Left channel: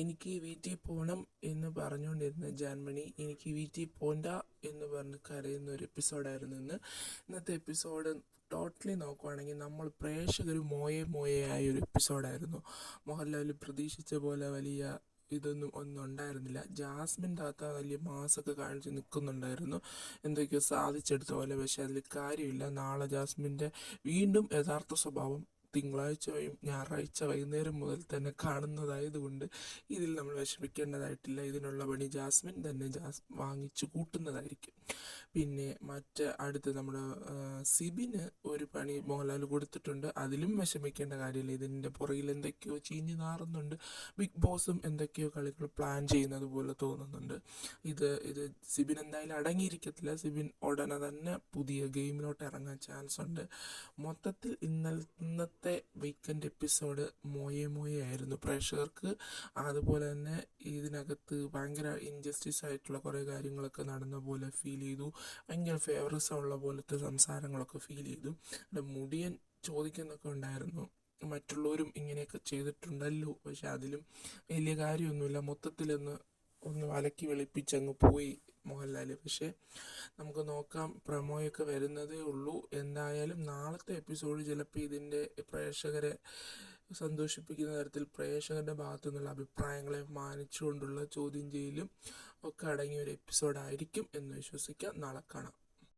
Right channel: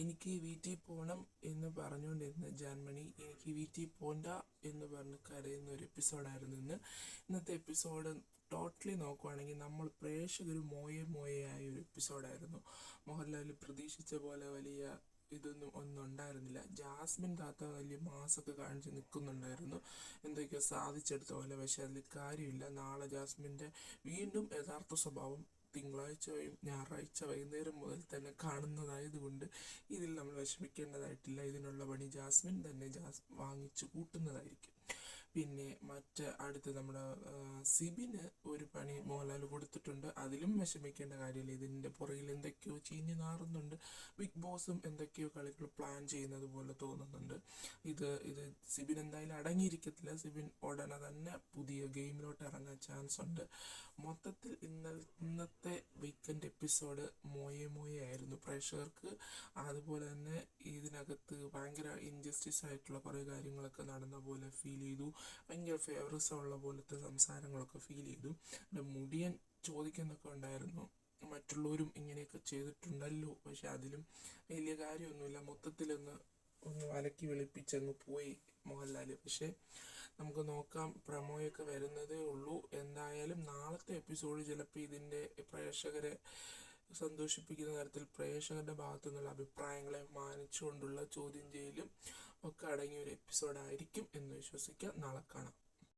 എനിക്ക് വീട്ടിൽ പോകണം എന്ന് പറഞ്ഞുകൊണ്ടിരുന്ന ജാൻമണി എനിക്ക് വീട്ടിൽ പോണ്ട എന്ന് പറഞ്ഞ് കരയുന്ന ഒരു എപ്പിസോഡായിരുന്നു ഇന്നത്തെ എപ്പിസോഡ്. ടോട്ടലി നോക്കുവാണെങ്കിൽ നമ്മൾ പ്രേക്ഷകർ മോയെ ഒരു എപ്പിസോഡായിരുന്നു. മോഹൻലാൽ പ്രതീക്ഷിച്ച പോലെ വലിയ ഒന്നും ഉണ്ടായിരുന്നില്ല. ജാസ്മിൻ താത്ത വലിയ മാസൊക്കെ കാണിച്ച് നിൽക്കുന്നുണ്ടായിരുന്നു, എന്തൊക്കെയോ സാധിച്ചെടുത്ത പോലെ. പക്ഷെ അതിൽ കാര്യമില്ല. നാളെ ജാസ്മിൻ്റെ വീണ്ടും യഥാർത്ഥ സ്വഭാവം തിങ്കളാഴ്ചയും ഞായറാഴ്ച വൈകുന്നേരം മുതൽ തന്നെ കാണുന്നതായതുകൊണ്ട് ഇതിൽ നമ്മൾ വിഷമിക്കേണ്ടതായിട്ടില്ല. ഇതിനുള്ള പണി ജാസ്മിൻ തന്നെ വാങ്ങിച്ചു കൂട്ടുന്നതായിരിക്കും. പിന്നെ അടുത്ത് നമ്മുടെ സിബിന് ഒരു പണി മോഹൻലാൽ കൊടുത്തിട്ടുണ്ട്. അതിലും വിഷമിക്കേണ്ട കാര്യമില്ല. ഇതിൻ്റെ പുറകിൽ എന്തൊക്കെയോ ചീഞ്ഞ് നാറുന്നുണ്ട്. ബിഗ് ബോസും എന്തൊക്കെയോ കളികൾ പ്ലാൻ ചെയ്യുന്നത് പോലെ തോന്നുന്നുണ്ട്. ഇത് സിബിൻ എന്തായാലും അടങ്ങിയിരിക്കത്തില്ല. സിബിൻ ഉടനെ തന്നെ പുതിയ ഗെയിമിലോട്ട് ഇറങ്ങാൻ ചാൻസ് ഉണ്ട്. മൊത്തത്തിൽ ഇന്നത്തെ വീക്കെൻഡ് എപ്പിസോഡ് മോയെ ആയിരുന്നു. പ്രേക്ഷകർക്ക് അതുപോലെ തന്നെ ഇതിനകത്ത് ഭയങ്കര ഇൻജസ്റ്റിസ് ആയിട്ടുള്ള കുറേ കാര്യങ്ങളൊക്കെ നടന്ന പോലെ ഫീൽ ചെയ്തു. ഭയങ്കര ഫേവറിസം ഉള്ള പോലത്തെ സംസാരങ്ങളൊക്കെ ഫീൽ ചെയ്തു. മുടിയൻ ചോദിക്കുന്നൊക്കെ ഉണ്ടായിരുന്നു, മറ്റുള്ളവരും ഇങ്ങനെയൊക്കെ ചെയ്തിട്ടുണ്ടല്ലോ, പക്ഷെ അതിലും വലിയ കാര്യമൊന്നുമില്ല. മൊത്തത്തിലൊന്ന് വലക്കി വെളുപ്പിച്ചങ്ങ് പോയി മോഹൻലാൽ. പക്ഷെ നമുക്ക് നോക്കാം, പ്രമോയൊക്കെ വരുന്നതേ ഉള്ളൂ. എന്തായാലും നാളത്തെ എപ്പിസോഡ് ചിലപ്പോൾ ഇതിൻ്റെ പ്രേക്ഷകരെ സന്തോഷിപ്പിക്കുന്ന തരത്തിൽ പ്രേക്ഷകരുടെ ഭാഗത്തു നിന്നുള്ള അഭിപ്രായങ്ങളെ മാനിച്ചുകൊണ്ടുള്ള ചോദ്യം ചെയ്യലും ഒക്കെ അടങ്ങിയ ഒരു എപ്പിസോഡായിരിക്കും എന്ന് വിശ്വസിക്കാം. നാളെ കാണാം.